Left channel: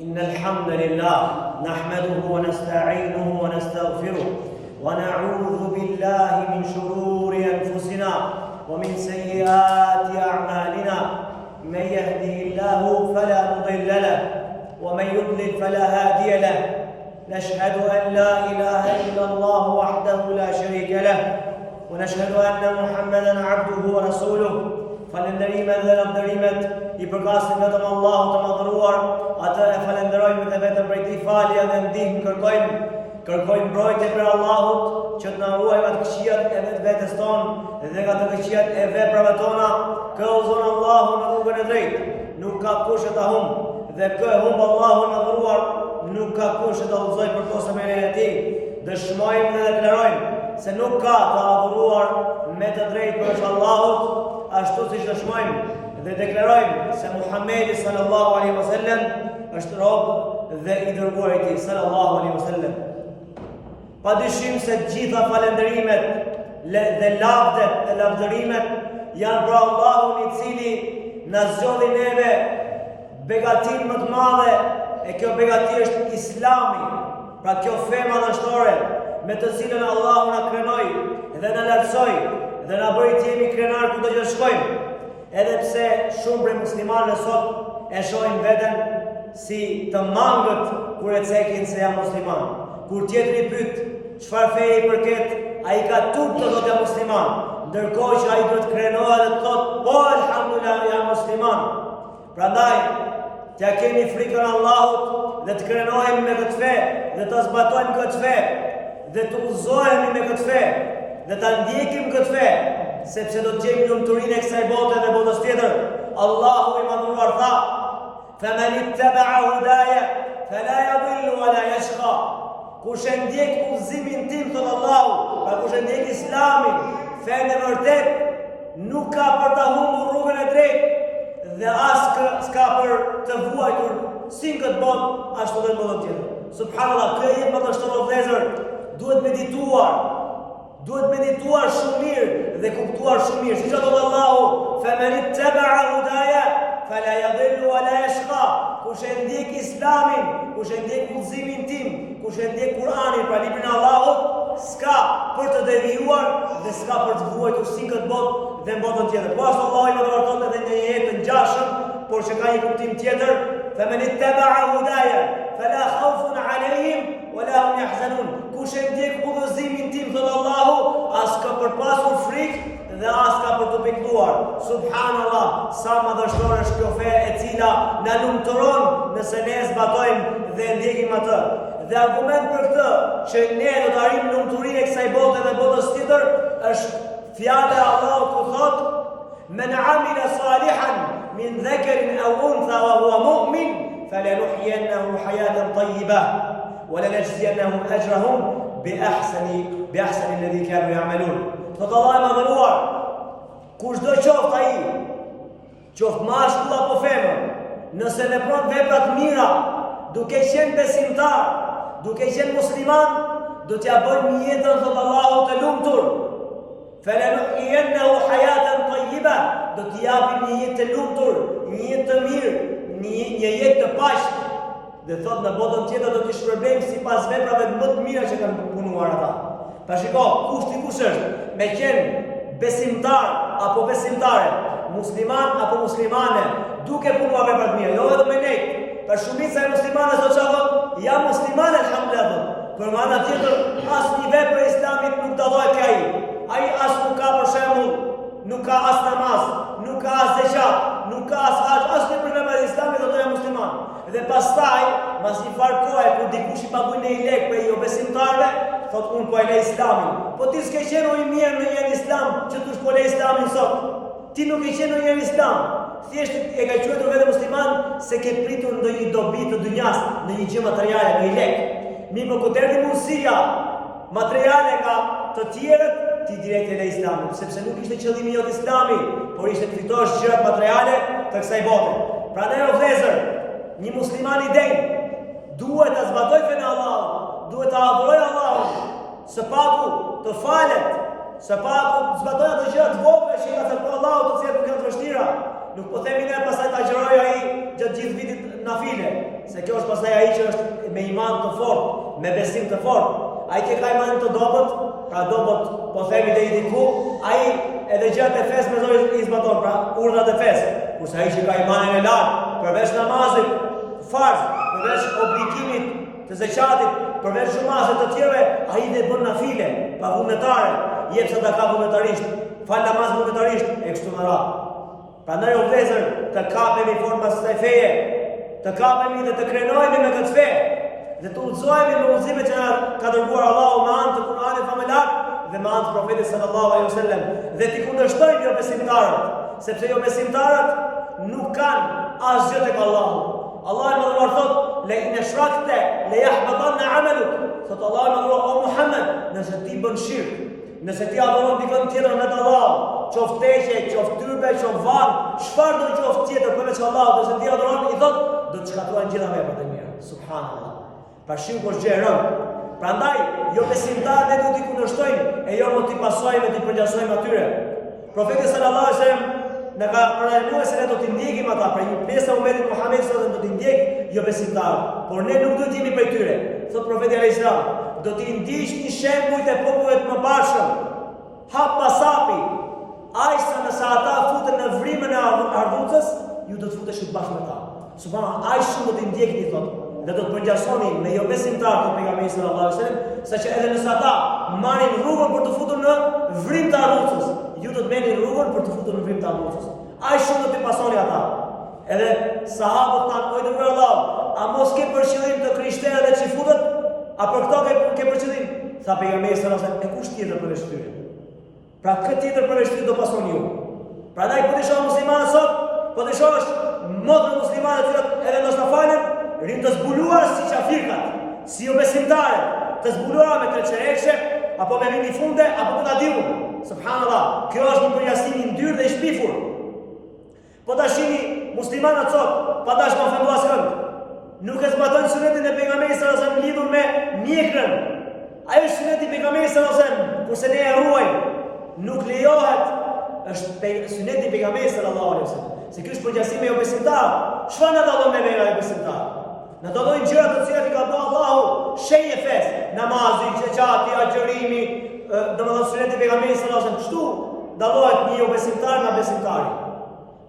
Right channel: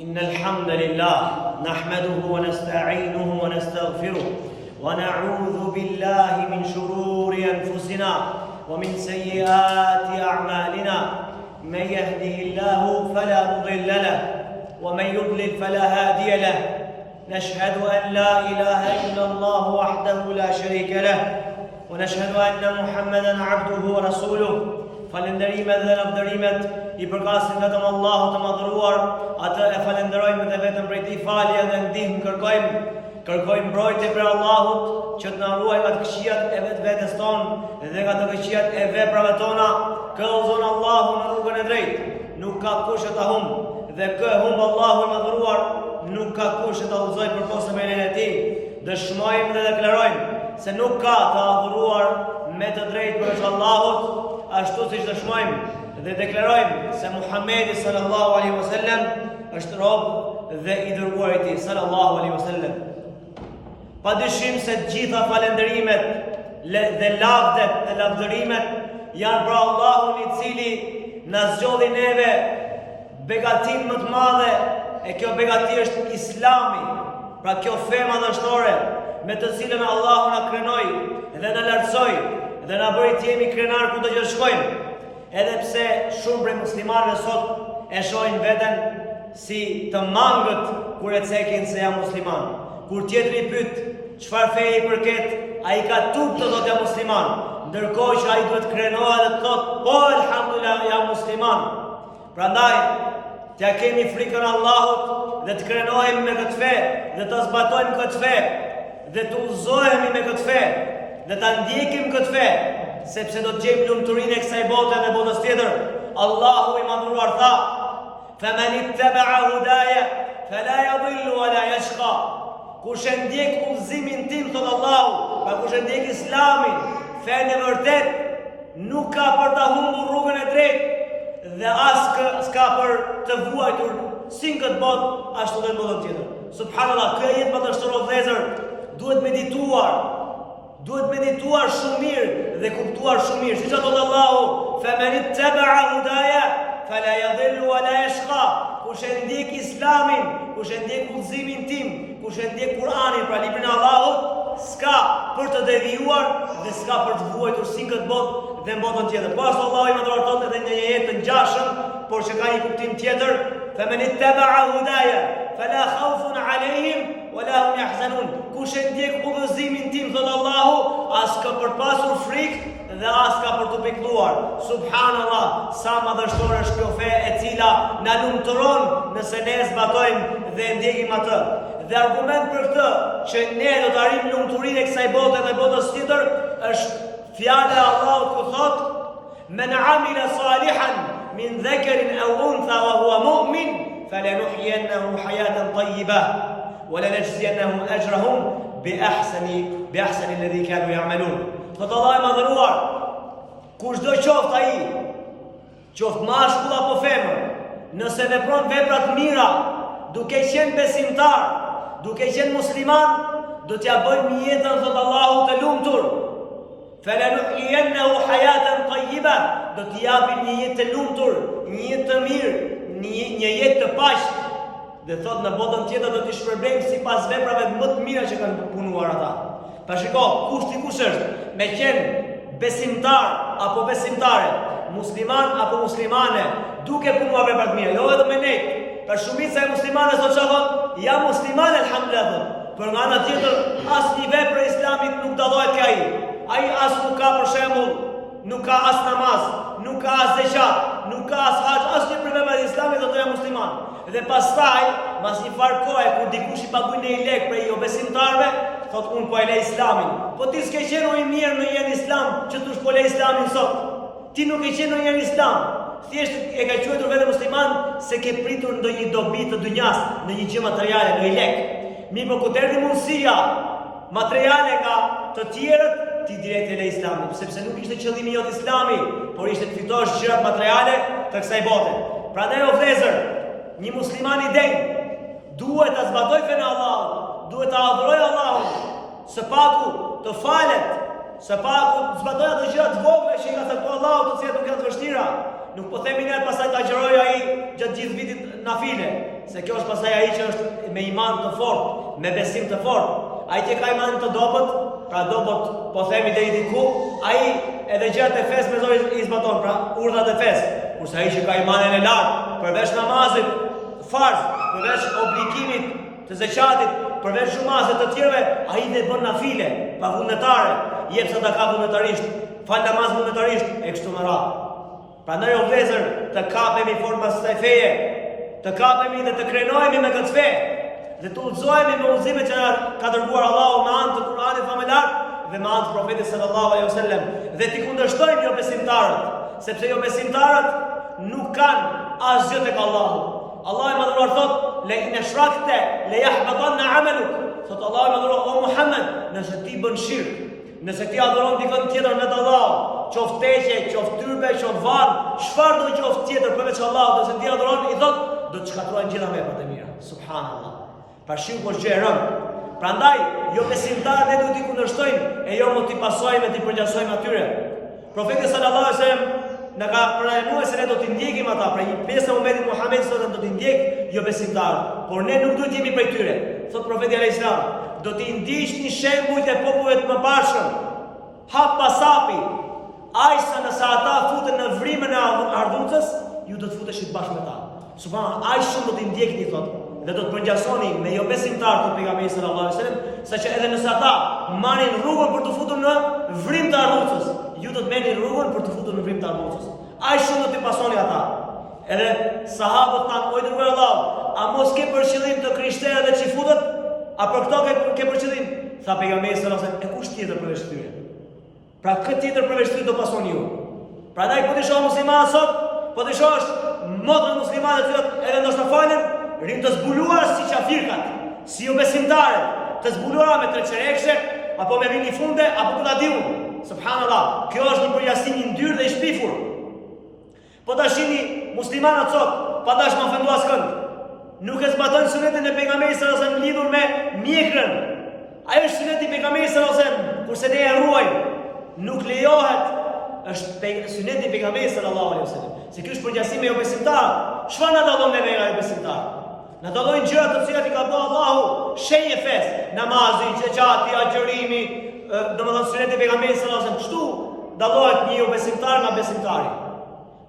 إن الحمد لله نحمده ونستعينه ونستغفره ونعوذ بالله من شرور أنفسنا ومن سيئات أعمالنا من يهده الله فلا مضل له ومن يضلل فلا هادي له نشهد أن لا إله إلا الله وحده لا شريك له ونشهد أن محمدا عبده ورسوله falenderimet dhe lavdërimet I përkasin vetëm Allahu të madhëruar, atë e falenderojmë dhe vetëm prej tij falje dhe ndihmë kërkojmë mbrojtje për Allahut që të na ruajë nga të këqijat e vetvetes tonë dhe nga të këqijat e veprave tona. Kë udhëzon Allahu në rrugën e drejtë, nuk ka kush që ta humbë, dhe kë humb Allahu i madhëruar, nuk ka kush që ta udhëzojë përposë me lejen e tij. Dëshmojmë dhe deklarojmë se nuk ka të adhuruar me të drejtë përveç Allahut, ashtu siç dëshmojmë dhe deklarojmë se Muhamedi sallallahu alaihi wasallam është rob dhe I dërguar I tij sallallahu alaihi wasallam. Padyshim se të gjitha falenderimet dhe lavdet dhe lavdërimet janë për Allahun I cili na zgjodhi neve begatin më të madhe, e kjo begati është Islami, pra kjo fe madhështore me të cilën Allahu na krenoi dhe na lartësoi dhe na bëri të jemi krenar ku do që shkojmë, edhe pse shumë prej muslimanëve sot e shohin veten si të mangët kur e cekin se jam musliman. Kur tjetri pyet çfarë feje I përket, ai ka turp të thotë jam musliman, ndërkohë që ai duhet krenohet dhe të thotë po elhamdulillah jam musliman. Prandaj t'ja kemi frikën Allahut dhe të krenohemi me këtë fe dhe të zbatojmë këtë fe dhe të udhëzohemi me këtë fe dhe ta ndjekim këtë fe, sepse do të gjejmë lumturinë e kësaj bote dhe botës tjetër. Allahu I madhëruar tha: "Faman ittaba'a hudaya fala yadhillu wala yashqa." Kush e ndjek udhëzimin tim, thot Allahu, pra kush e ndjek Islamin, fen e vërtet, nuk ka për ta humbur rrugën e drejtë dhe as s'ka për të vuajtur si në këtë botë ashtu dhe në botën tjetër. Subhanallah, kjo jetë madhështore o vëllezër, duhet medituar shumë mirë dhe kuptuar shumë mirë. Siç thot Allahu: "Faman ittaba'a hudaya fala yadhillu wala yashqa." Kush e ndjek Islamin, kush e ndjek udhëzimin tim, kush e ndjek Kur'anin, pra librin e Allahut, s'ka për të devijuar dhe s'ka për të vuajtur si në këtë botë dhe në botën tjetër. Po ashtu Allahu I madhëruar thotë edhe në një jetë të ngjashëm, por që ka një kuptim tjetër: "Faman ittaba'a hudaya fala khawfun 'alayhim wala hum yahzanun." Kush e ndjek udhëzimin tim, thot Allahu, as ka për pasur frikë dhe as ka për të pikëlluar. Subhanallah, sa madhështore është kjo fe e cila na lumturon nëse ne zbatojmë dhe ndjekim atë. Dhe argument për këtë që ne do të arrijmë lumturinë e kësaj bote dhe botës tjetër është fjala e Allahut ku thot: "Men 'amila salihan min dhakarin aw untha wa huwa mu'min falanuhyiyannahu hayatan tayyibah wa lanajziyannahum ajrahum bi ahsani alladhi kanu ya'malun." Thot Allah I madhëruar, kushdo qoftë ai, qoftë mashkull apo femër, nëse vepron vepra të mira, duke qenë besimtar, duke qenë musliman, do t'ja bëjmë jetën, thot Allahu, të lumtur. Falanuhyiyannahu hayatan tayyibah, do t'i japim një jetë të lumtur, një jetë të mirë, një jetë të paqë. Dhe thot në botën tjetër do t'i shpërblejmë sipas veprave më të mira që kanë punuar ata. Pa shiko, kushti kush është? Me qenë besimtar apo besimtare, musliman apo muslimane, duke punuar vepra të mira, jo vetëm me nejt. Për shumica e muslimane sot çfarë thon? Ja musliman alhamdulillah. Por nga ana tjetër asnjë vepër e Islamit nuk dallohet ke ai. Ai as nuk ka për shembull, nuk ka as namaz, nuk ka as zeqat, nuk ka as hax, asnjë prej veprave të Islamit do të jetë musliman. Dhe pastaj, mas një farë kohe, kur dikush I paguajnë një lek prej jo besimtarve, thot unë po e le Islamin. Po ti s'ke qenë o I mirë në një Islam që t'ush po le Islamin sot. Ti nuk e qenë në një Islam. Thjesht e ka quajtur vetë musliman se ke pritur ndonjë dobi të dunjas, në një gjë materiale, në një lek. Mirë, po kur erdhi mundësia materiale nga të tjerët, ti direkt e le Islamin, sepse nuk ishte qëllimi jot Islami, por ishte të fitosh gjërat materiale të kësaj bote. Prandaj o vëllezër, një musliman I denj duhet ta zbatojë fenë Allahut, duhet ta adhurojë Allahun, së paku të falet, së paku të zbatojë ato gjëra të vogla që I ka caktuar Allahu, të cilat nuk janë të vështira. Nuk po themi ne pastaj ta xheroj ai gjatë gjithë vitit nafile, se kjo është pastaj ai që është me iman të fortë, me besim të fortë. Ai që ka iman të dobët, pra dobët po themi deri diku, ai edhe gjatë e fesë me zor i zbaton, pra urdhat e fesë. Kurse ai që ka imanin e lartë, përveç namazit farz, përveç obligimit të zeqatit, përveç shumase të tjerëve, ai dhe bën nafile, pa vullnetare, jep sadaka vullnetarisht, fal namaz vullnetarisht e kështu me radhë. Prandaj o vëllezër, të kapemi formas së feje, të kapemi dhe të krenojemi me këtë fe, dhe të udhëzohemi me udhëzimet që na ka dërguar Allahu me anë të Kuranit famullar dhe me anë të Profetit sallallahu alaihi wasallam, dhe t'i kundërshtojmë jo besimtarët, sepse jo besimtarët nuk kanë asgjë tek Allahu. Allahu i madhëruar thot: "Le in ashrakte le yahbatanna 'amaluk." Thot Allahu i madhëruar: "O Muhammed, nëse ti bën shirk, nëse ti adhuron dikën tjetër me Allah, qoftë teqe, qoftë tyrbe, qoftë varr, çfarë do qoftë tjetër përveç Allahut, nëse ti adhuron, i thot, do të shkatërrojnë gjitha veprat e mira." Subhanallah. Pra shirku është gjë e rëndë. Prandaj, jo besimtarët ne duhet t'i kundërshtojmë e jo mos t'i pasojmë e t'i përgjasojmë atyre. Profeti sallallahu alaihi wasallam na ka pranuar se ne do t'i ndjekim ata, pra një pjesë e ummetit Muhamedit sallallahu do t'i ndjek jo besimtarët, por ne nuk duhet jemi prej tyre. Thot profeti alaihi salam, do t'i ndiqni shembujt e popujve të mëparshëm, hap pas hapi. Ajsa nëse ata futen në vrimën e ardhucës, ju do të futeshit bashkë me ta. Subhanallahu, ai shumë do t'i ndjekni thot, dhe do të përgjasoni me jo besimtarë të pejgamberit sallallahu alaihi wasallam, saqë edhe nëse ata marrin rrugën për të futur në vrim të ardhucës, ju do të merrni rrugën për të futur në vrim të ardhucës. Ai shumë do t'i pasoni ata. Edhe sahabët thanë: "O dërguar Allah, a mos ke për qëllim të krishterët dhe çifutët? A për këto ke për qëllim?" Tha pejgamberi sallallahu alaihi wasallam: "E kush tjetër përveç tyre? Pra këtë tjetër përveç tyre do pasoni ju." Prandaj po të shoh muslimanë sot, po të shohësh motrën muslimane të cilat edhe ndoshta falen, rinë të zbuluar si qafirkat, si jo besimtare, të zbuluara me treqerekshe, apo me minifunde, apo këta diun. Subhanallah, kjo është një përjastim i ndyrë dhe i shpifur. Po ta shihni muslimanët sot, pa dash më ofendu askënd, nuk e zbatojnë sunetin e pejgamberit sallallahu alaihi wasallam lidhur me mjekrën. Ajo është suneti i pejgamberit sallallahu alaihi wasallam, kurse ne e ruajmë, nuk lejohet, është suneti i pejgamberit sallallahu alaihi wasallam. Se kjo është përgjasim e jo besimtar. Çfarë na dallon me vëra e besimtar? Na dallojnë gjëra të cilat i ka bërë Allahu shenjë fes, namazi, xhexhati, agjërimi, domethënë suneti e pejgamberit sallallahu alaihi wasallam. Kështu dallohet një jo besimtar nga besimtari.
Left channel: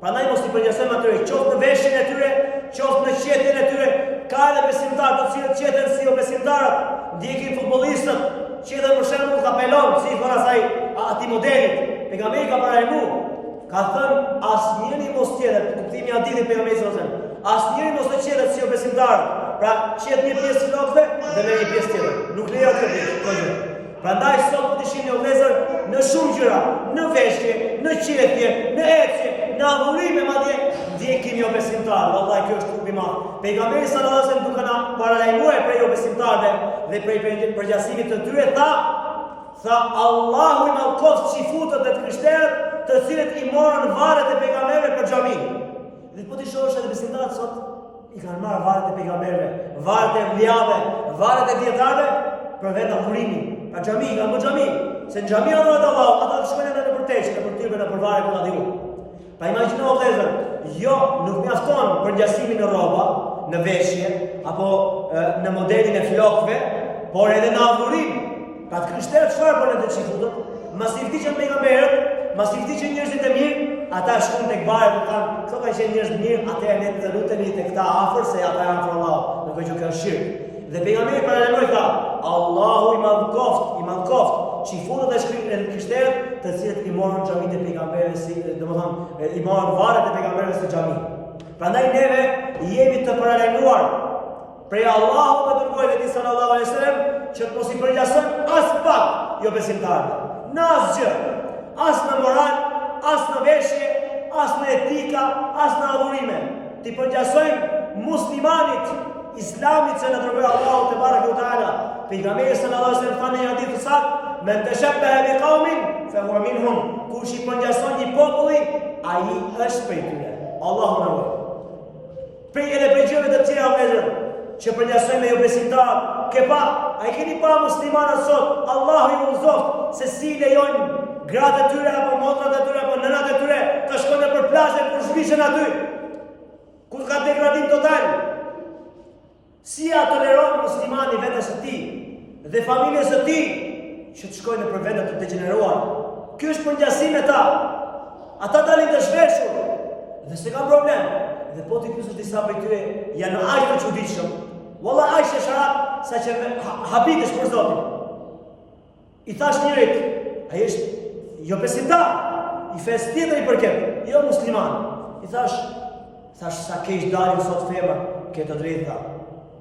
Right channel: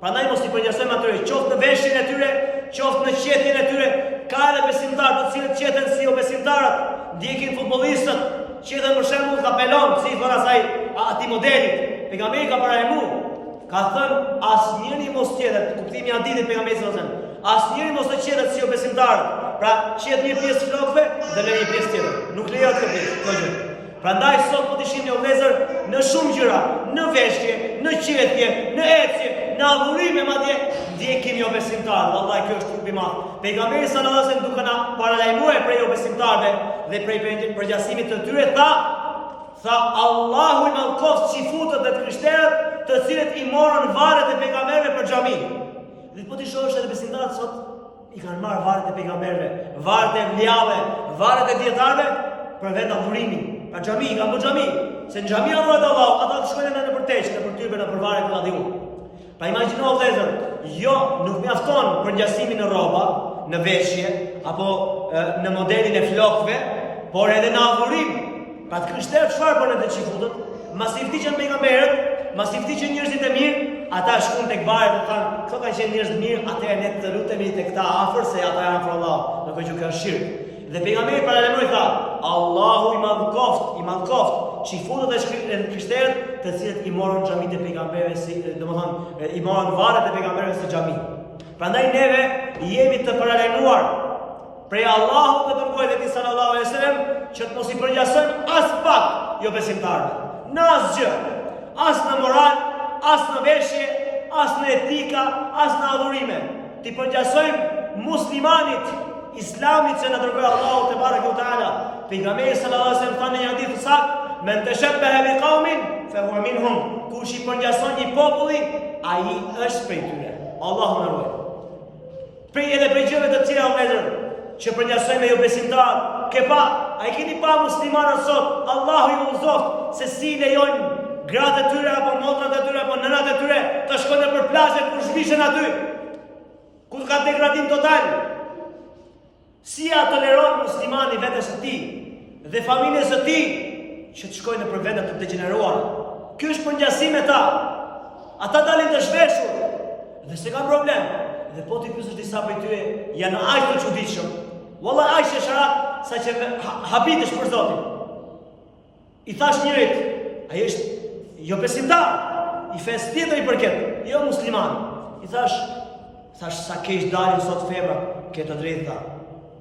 Prandaj mos i përgjasojmë atyre, qoftë në veshjen e tyre, qoftë në qetjen e tyre. Ka edhe besimtarë të cilët qeten si jo besimtarët, ndjekin futbollistët, qeten për shembull kapelon, si i thon asaj atij modelit. Pejgamberi ka paralajmëruar, ka thënë asnjëri mos qetet, kuptimi i hadithit pejgamberit sallallahu alaihi wasallam. Asnjëri mos të qetet si jo besimtarët. Pra qet një pjesë flokëve dhe lë një pjesë tjetër. Nuk lejohet këtë gjë. Prandaj sot po të shihni o vëllezër në shumë gjëra, në veshje, në qetje, në ecje, në adhurime madje ndjekim jo besimtarë. Vallahi kjo është turp i madh. Pejgamberi sallallahu alajhi wasallam duke na paralajmëruar prej jo besimtarëve dhe prej përgjasimit të tyre tha Allahu i mallkoft çifutët dhe krishterët të cilët i morën varret e pejgamberëve për xhami. Dhe po ti shohësh edhe besimtarët sot i kanë marrë varret e pejgamberëve, varret e vlijave, varret e dietarëve për vend adhurimi. Pra xhami, ka më xhami, se në xhami adhurohet Allahu, ata shkojnë në përteç, në përtyrbe, në përvarje ku ta diun. Pra imagjino vëllezër, jo nuk mjafton përngjasimi në rroba, në veshje apo në modelin e flokëve, por edhe në adhurim. Pra të krishterët çfarë bënë të çifutët? Mas i vdiqën pejgamberët, mas i vdiqën njerëzit e mirë, ata shkon tek varet dhe thanë, këto kanë qenë njerëz të mirë, atëherë ne të lutemi tek këta afër se ata janë afër Allahut. Nuk e ka shirk. Dhe pejgamberi paralajmëroi tha, Allahu i mallkoft çifutët e krishterët të cilët i morën xhamit e pejgamberëve si, domethënë i morën varret e pejgamberëve si xhami. Prandaj neve jemi të paralajmëruar prej Allahut dhe dërguarit e tij sallallahu alaihi wasallam që të mos i përgjasojmë as pak jo besimtarëve. Në asgjë, as në moral, as në veshje, as në etika, as në adhurime. Ti përgjasojmë muslimanit, islamit që na dërgoi Allahu te bareke u taala. Pejgamberi sallallahu alaihi wasallam thanë në një hadith të saktë, "Men tashabbaha bi qaumin fa huwa minhum." Kush i përgjason një populli, ai është prej tyre. Allahu na ruaj. Edhe prej gjëve të tjera vëllezër, që përgjasojmë jo besimtar, a i keni pa muslimanët sot, Allahu ju uzoft se si lejojnë gratë e tyre, apo motrat e tyre, apo nënat e tyre të shkojnë për plazhe kur zhvishen aty. Ku nuk ka degradim total. Si a toleron muslimani vetes së tij dhe familjes së tij që të shkojnë në vende të degeneruara? Ky është përngjasi me ta. Ata dalin të zhveshur dhe se ka problem. Dhe po ti pyesësh disa prej tyre, janë aq të çuditshëm. Valla aq sharat sa që habitesh për Zotin. I thash njërit, ai është jo besimtar, i fesë tjetër i përket, jo musliman. I thash sa keq dalin sot femra, ke të drejtë tha.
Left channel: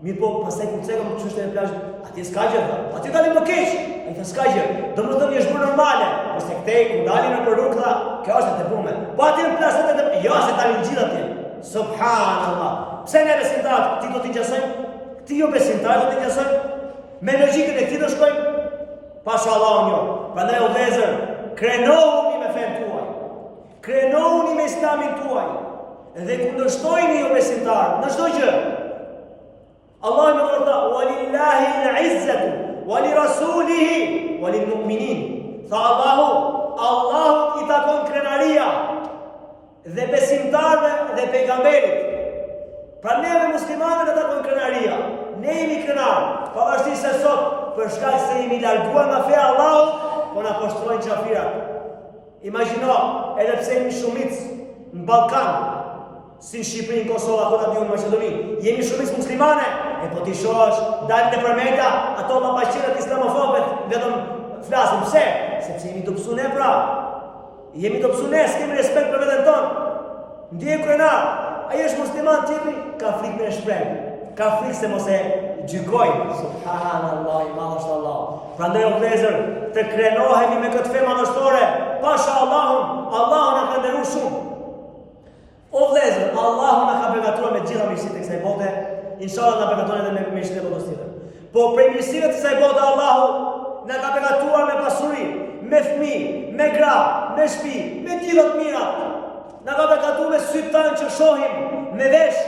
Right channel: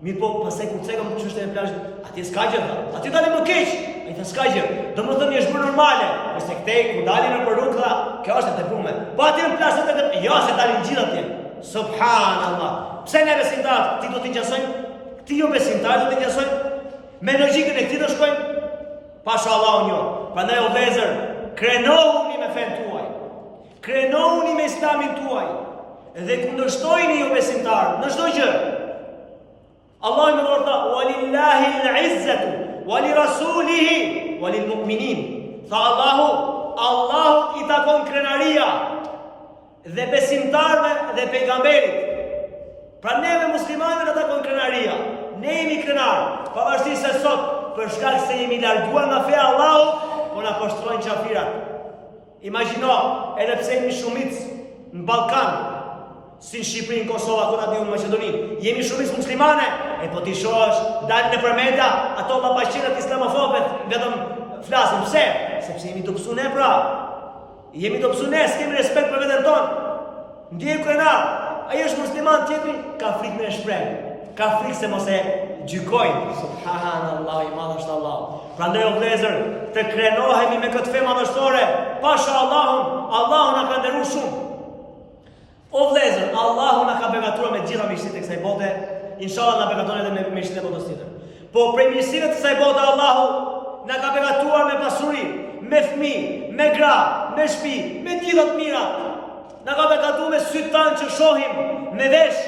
Mi po pastaj kur cekëm çështën e plazhit, atje s'ka gjë tha. Atje dalin më keq. Ai tha s'ka gjë. Domethënë është bërë normale. Kurse këtej kur dalin në rrugë tha, kjo është e tepruar. Po atje në plazhet e jo se dalin gjithë atje. Subhanallah. Pse ne besimtarët ti do t'i ngjasojmë? Ti jo besimtar do t'i ngjasojmë? Me logjikën e këtij do shkojmë? Pashallahu jo. Prandaj o vëllezër, krenohuni me fen tuaj. Krenohuni me islamin tuaj. Dhe kundërshtojini jo besimtar në çdo gjë. Allah më thot, "Walillahi al-izzatu wa li rasulihi wa lil mu'minin." Tha Allahu i takon krenaria dhe besimtarëve dhe pejgamberit. Pra neve muslimanëve në takon krenaria. Ne jemi krenar, pavarësisht se sot për shkak se jemi larguar nga feja Allahut, po na poshtrojnë qafirat. Imagjino, edhe pse jemi shumicë në Ballkan, si në Shqipëri, në Kosovë, ato na diun në Maqedoni, jemi shumicë muslimane, e po ti shohësh dalin nëpër media ato llapashqirët islamofobët vetëm flasin. Pse? Sepse jemi dobësuar ne pra. Jemi dobësuar ne, s'kemi respekt për veten tonë. Ndjej krenar, ai është musliman tjetri, ka frikë me shpreh. Ka frikë se mos e gjykojnë. Subhanallahu, i madh është Allah. Prandaj o vëllezër, të krenohemi me këtë fe madhështore. Pasha Allahu na ka nderuar shumë. O vëllezër, Allahu na ka begatuar me gjitha mirësitë e kësaj bote. Inshallah na begaton edhe me mirësitë e botës tjetër. Po prej mirësive të kësaj bote Allahu na ka begatuar me pasuri, me fëmijë, me gra, me shtëpi, me gjitha të mirat. Na ka begatuar me sytë tanë që shohim, me vesh,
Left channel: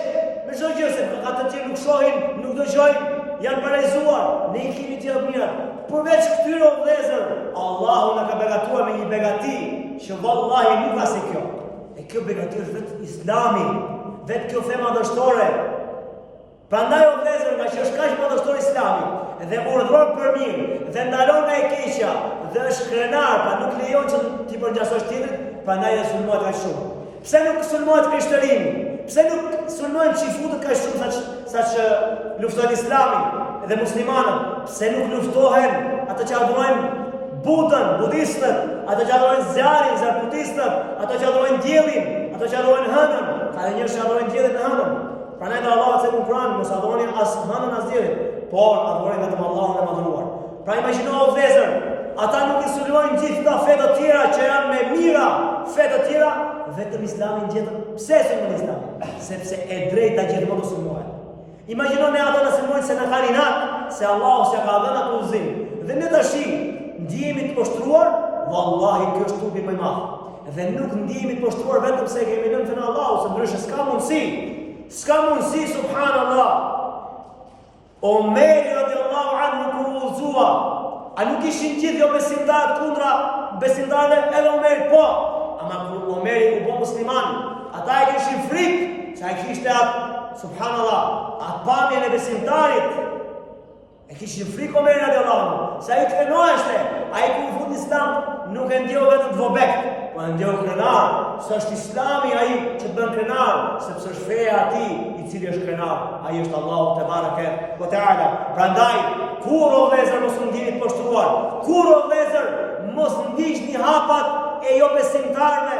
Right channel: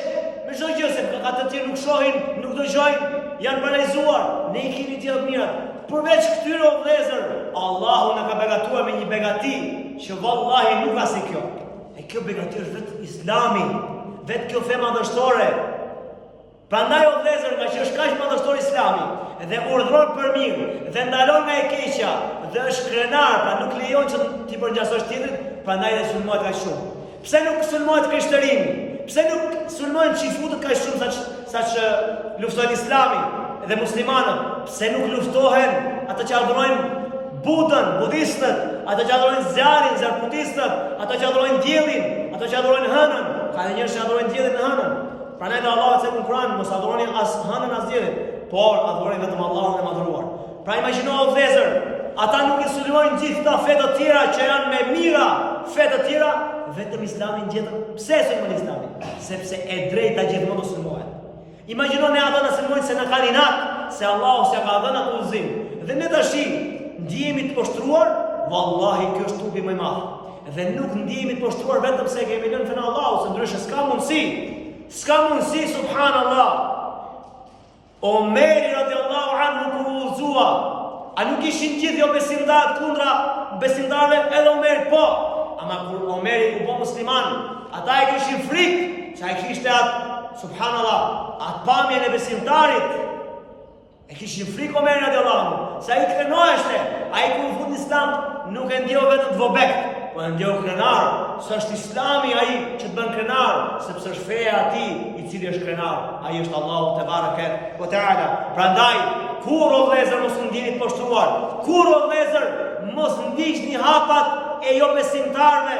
me çdo gjë, se ka të tjerë nuk shohin, nuk dëgjojnë, janë paralizuar. Ne I kemi gjitha të mirat. Përveç këtyre o vëllezër, Allahu na ka begatuar me një begati që vallahi nuk ka si kjo. E kjo begati është vetë Islami, vetë kjo fe madhështore. Prandaj o vëllezër, nga që është kaq madhështor Islami, dhe urdhron për mirë, dhe ndalon nga e keqja, dhe është krenar, pra nuk lejon që ti përngjasosh tjetrit, prandaj dhe sulmohet kaq shumë. Pse nuk sulmohet krishtërimi? Pse nuk sulmohen çifutët kaq shumë sa që luftojnë Islami dhe muslimanët? Pse nuk luftohen ata që adhurojnë Budën, budistët, ata që adhurojnë zjarin, zarputistët, ata që adhurojnë diellin, ata që adhurojnë hënën? Ka dhe njerëz që adhurojnë diellin dhe hënën. Prandaj dhe Allah thot në Kur'an, mos adhuroni as hënën as diellin, por adhuroni vetëm Allahun e madhëruar. Pra imagjino o vëllezër, ata nuk I sulmojnë gjithë këta fe të tjera që janë me mira, fe të tjera, vetëm Islamin gjetën. Pse sulmojnë Islamin? Sepse e drejta gjithmonë do sulmohet. Imagjino ne ata na sulmojnë se na kanë inat, se Allahu s'ja ka dhënë atë udhëzim. Dhe ne tash ndihemi të poshtruar, vallahi kjo është turpi më I madh. Dhe nuk ndihemi të poshtruar vetëm se kemi lënë fen Allahu, se ndryshe s'ka mundësi. S'ka mundësi, subhanallah. Omeri radiallahu anhu kur u udhëzua, a nuk ishin gjithë jo besimtarët kundra besimtarëve, edhe Omeri po. Ama kur Omeri u bë musliman, ata e kishin frikë, që ai kishte atë, subhanallah, atë pamjen e besimtarit. E kishin frikë Omeri radiallahu anhu, se ai krenoheshte, ai kur u fut në Islam nuk e ndjeu vetëm të vobekt, po e ndjeu krenar. S'është Islami ai që të bën krenar, sepse është feja atij I cili është krenar. Ai është Allahu te bareke ve teala. Prandaj, kur o vëllezër mos ndihni të poshtruar, kur o vëllezër mos ndiqni hapat e jo besimtarëve,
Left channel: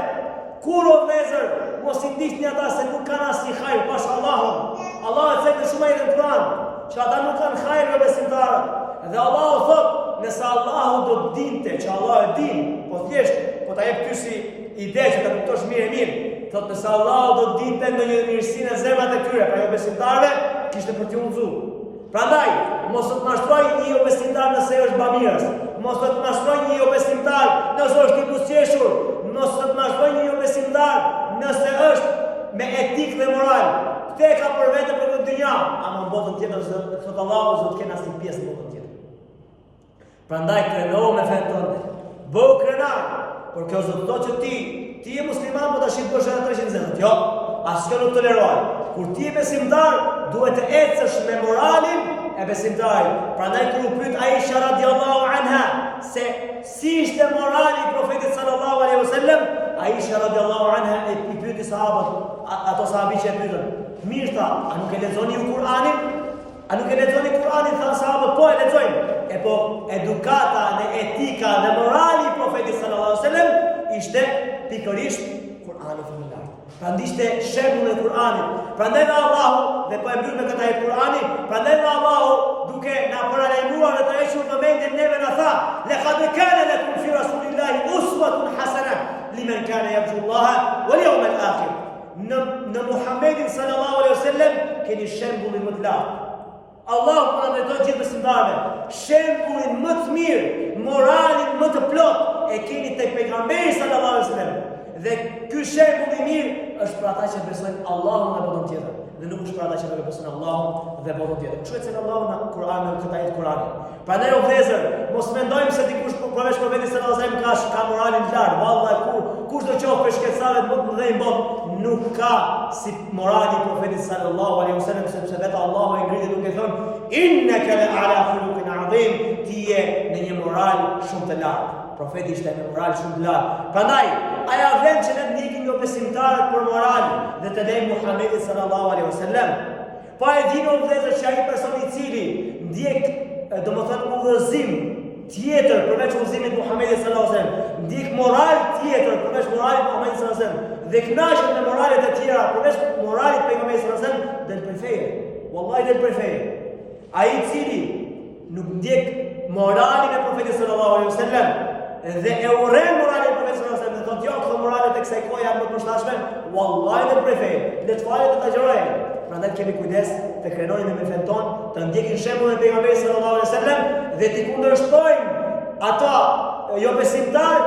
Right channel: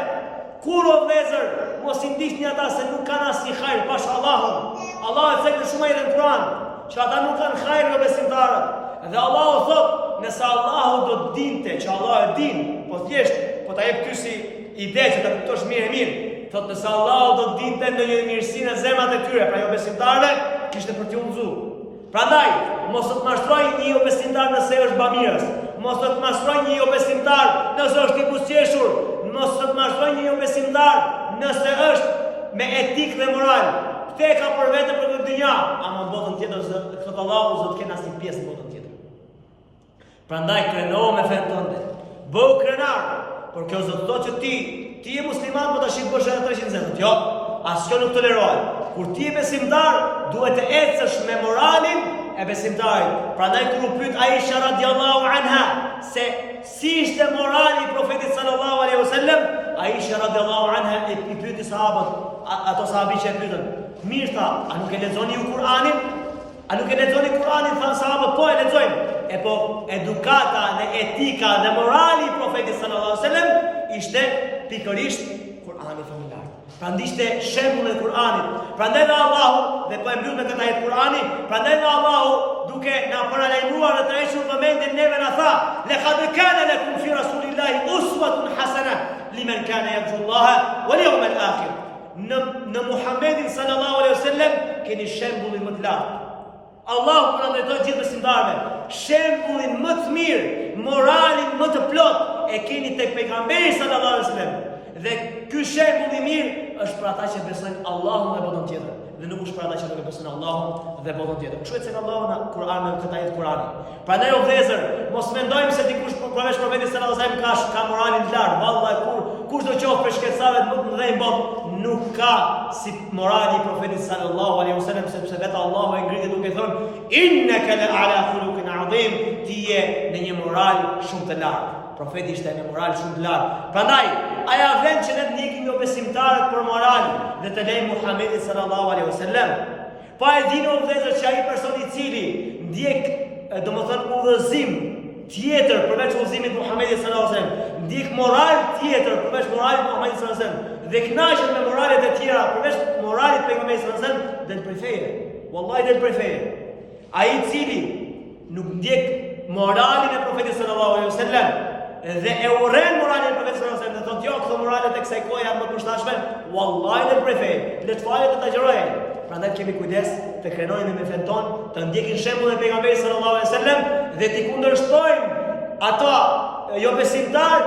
kur o vëllezër mos I ndiqni ata se nuk kanë asnjë hajër pas Allahut. Allah e thekë shumë ai në Kur'an, që ata nuk kanë hajër jo besimtarët. Dhe Allahu thot, nëse Allahu do të dinte që Allah e din, po thjesht, po ta jep ty si ide që ta kuptosh mirë, thot nëse Allahu do të dinte ndonjë mirësinë në zemrat e tyre, pra jo besimtarëve, kishte për t'u udhëzuar. Prandaj, mos të mashtroj një jo besimtar nëse është bamirës, mos të mashtroj një jo besimtar nëse është I buzëqeshur, mos të mashtroj një jo besimtar nëse është me etikë dhe moral. Këtë ka për vete për këtë dynja, ama në botën tjetër, thot Allahu, zot kena asnjë pjesë në botën tjetër. Prandaj krenohu me fen tënde. Bëu krenar, por kjo zot thotë që ti je musliman, po tash I bësh edhe 300 zezët. Jo, as kjo nuk tolerohet. Kur ti je besimtar, duhet të ecësh me moralin e besimtarit. Prandaj kur u pyet Aisha radhiyallahu anha se si ishte morali i profetit sallallahu alaihi wasallam, Aisha radhiyallahu anha i pyeti sahabët, ato sahabi që e pyetën, mirë tha, a nuk e lexoni ju Kur'anin? A nuk e lexoni Kur'anin? Thanë sahabët, po e lexojmë. E po edukata dhe etika dhe morali i profetit sallallahu alaihi wasallam ishte pikërisht Kur'ani familjar. Prandaj ishte shembulli i Kur'anit. Prandaj dhe Allahu, dhe po e mbyll me këtë ajet Kur'ani, prandaj dhe Allahu duke na paralajmëruar dhe të hequr vëmendjen neve na tha: "Laqad kana lakum fi rasulillahi uswatun hasana liman kana yarju Allaha wal yawmal akhir." Në Muhammedin sallallahu alaihi wasallam keni shembullin më të lartë. Allahu parandetoi gjithë besimtarëve shembullin më të mirë, moralin më të plot e keni tek pejgamberi sallallahu alaihi wasallam. Dhe ky shembull i mirë është për ata që besojnë Allahun dhe botën tjetër, dhe nuk është për ata që nuk e besojnë Allahun dhe botën tjetër. Kështu e thënë Allahu në Kur'an me këtë ajet Kur'ani. Prandaj o vëllezër, mos mendojmë se dikush përveç profetit sallallahu alaihi wasallam ka moralin të lartë. Vallahi kush do qoftë për shkencave më të mëdhenj botë, nuk ka si morali i profetit sallallahu alaihi wasallam, sepse vetë Allahu e ngriti duke thënë: "Innaka la ala khuluqin azim", ti je në një moral shumë të lartë. Profeti ishte me moral shumë të lartë. Prandaj, aja vlen që ne të ndjekim jo besimtarët për moral dhe të lejmë Muhammedit sallallahu alaihi wasallam. Pa e dini o vëllezër që ai person i cili ndjek, domethënë udhëzim tjetër përveç udhëzimit Muhammedit sallallahu alaihi wasallam, ndjek moral tjetër përveç moralit Muhammedit sallallahu alaihi wasallam dhe kënaqet me moralet e tjera përveç moralit pejgamberit sallallahu alaihi wasallam, del prej feje. Wallahi del prej feje. Ai i cili nuk ndjek moralin e profetit sallallahu alaihi wasallam dhe e urren moralin e profetit sallallahu alaihi wasallam, dhe thotë jo, këto moralet e kësaj kohe janë më të përshtatshme, wallahi del prej feje. Le të falet të ta gjërojë. Prandaj kemi kujdes të krenojmë me fen ton, të ndjekim shembullin e pejgamberit sallallahu alaihi wasallam dhe të kundërshtojmë ato jo besimtar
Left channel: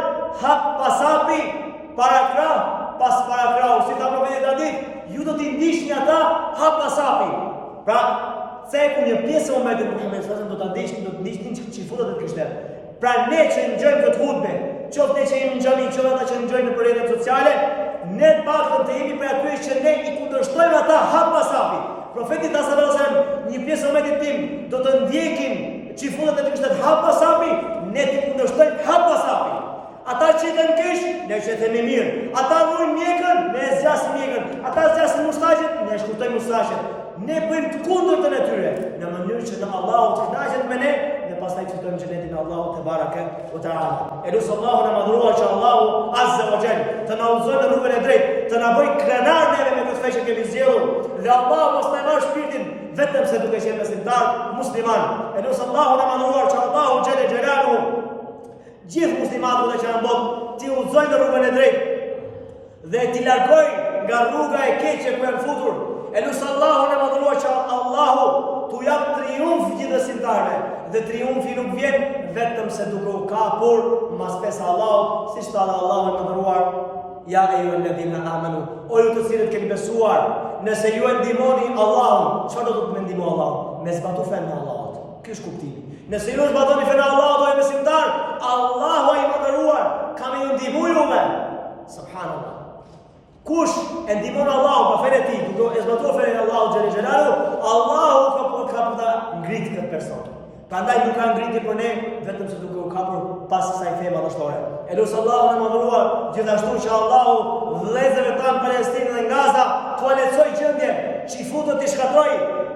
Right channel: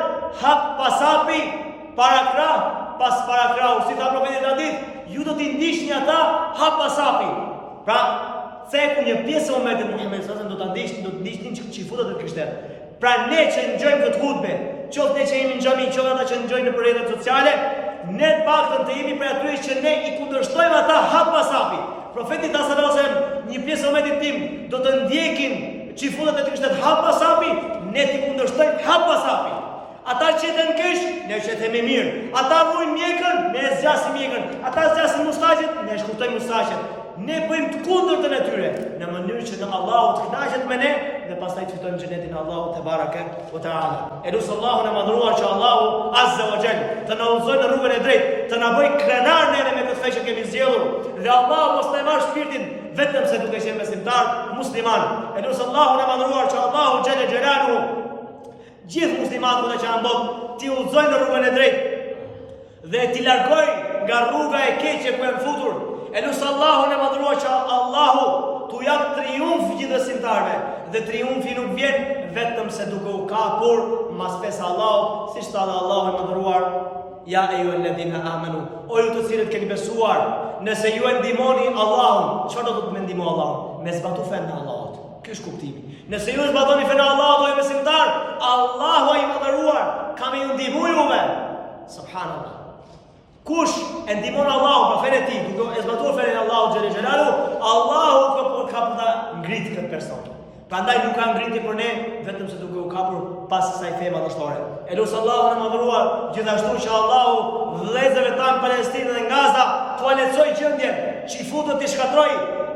hap pas hapi, para krah pas para krah. Si tha profeti Hadith, ju do t'i ndiqni ata hap pas hapi. Pra, ceku një pjesë e ummetit Muhammed sallallahu alaihi wasallam do të ndiqnin çifutët e krishterë. Pra ne që ndjojmë këtë hutbe, qoftë ne që jemi në xhami, qoftë ata që ndjojnë në rrjetet sociale, ne të paktën të jemi për atyre që ne i kundërshtojmë ata hap pas hapi. Profeti sallallahu alaihi wasallam, një pjesë e ummetit tim do të ndjekin çifutët e krishterë hap pas hapi, ne ti kundërshtojmë hap pas hapi. Ata qeten keq, ne qetemi mirë. Ata rrujnë mjekën, ne zgjasim mjekën. Ata zgjasin mustaqet, ne shkurtojmë mustaqet. Ne bëjmë të kundërtën e tyre në mënyrë që në Allahu të kënaqet me ne dhe pastaj të fitojmë xhenetin e Allahut te baraka ve taala. Elus Allahu na madhruar që Allahu azza wa jall të na udhëzojë në rrugën e drejtë, të na bëjë krenar neve me këtë fe që kemi zgjedhur. Dhe Allahu mos na marr shpirtin vetëm se duke qenë besimtar musliman. Elus Allahu na madhruar që Allahu xhelle xhelaluhu gjithë muslimanët që janë në botë ti udhëzojë në rrugën e drejtë dhe ti largoj nga rruga e keqe ku janë futur. Elus Allahu në madhruar që Allahu t'u jap triumf gjithë besimtarëve dhe triumfi nuk vjen vetëm se duke u kapur mas pesë Allahut, siç tha Allahu në madhruar: Ja ejuhalladhina amanu, o ju të cilët keni besuar, nëse ju e ndihmoni Allahun, çfarë do të më ndihmojë Allahu? Me zbatu fenë e Allahut. Ky është kuptimi. Nëse ju zbatoni fenë e Allahut, o ju besimtar, Allahu ai madhruar ka më ju ndihmuar juve. Subhanallah. Kush e ndihmon Allahun për fenë e tij, duke e zbatuar fenë e Allahut xhel xhelalu, Allahu ka për ta ngritë këtë person. Prandaj nuk ka ngritje për ne vetëm se duke u kapur pas kësaj fe madhështore. Elus Allahu në madhruar gjithashtu që Allahu vëllezërve tanë Palestinë dhe Gaza t'u lehtësoj gjendjen, çifutët i shkatroj,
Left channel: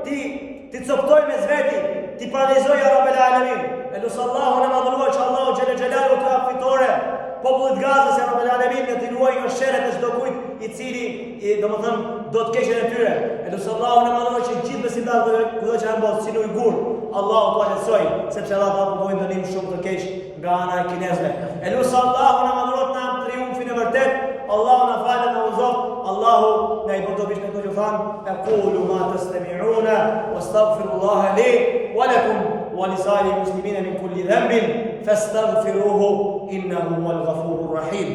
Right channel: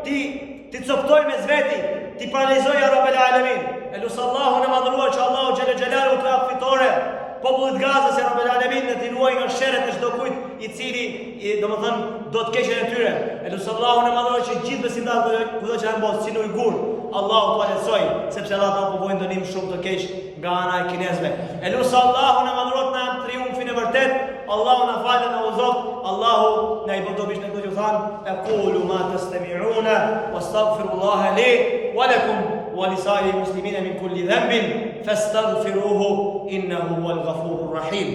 ti coptoj me zveti, ti paralizoj ya Rabbel Alamin. Elus Allahu në madhruar që Allahu xhel xhelalu të jap fitore popullit Gazës ya Rabbel Alamin dhe t'i ruaj nga sherret e çdo kujt i cili domethënë do të keqen e tyre. Elus Allahu në madhruar që gjithë besimtarët kudo që janë botë si në Ujgur, Allahu t'u lehtësoj, sepse ata apo bëjnë dënim shumë të keq nga ana e kinezëve. Elus Allahu në madhruar na triumfin e vërtet. Allahu na falë në udhëzot. Allahu na i bëjë me këto që than, aqulu ma tastami'una wastaghfirullaha li wa lakum wa lisa'il muslimina min kulli dhanbin fastaghfiruhu innahu huwal ghafurur rahim.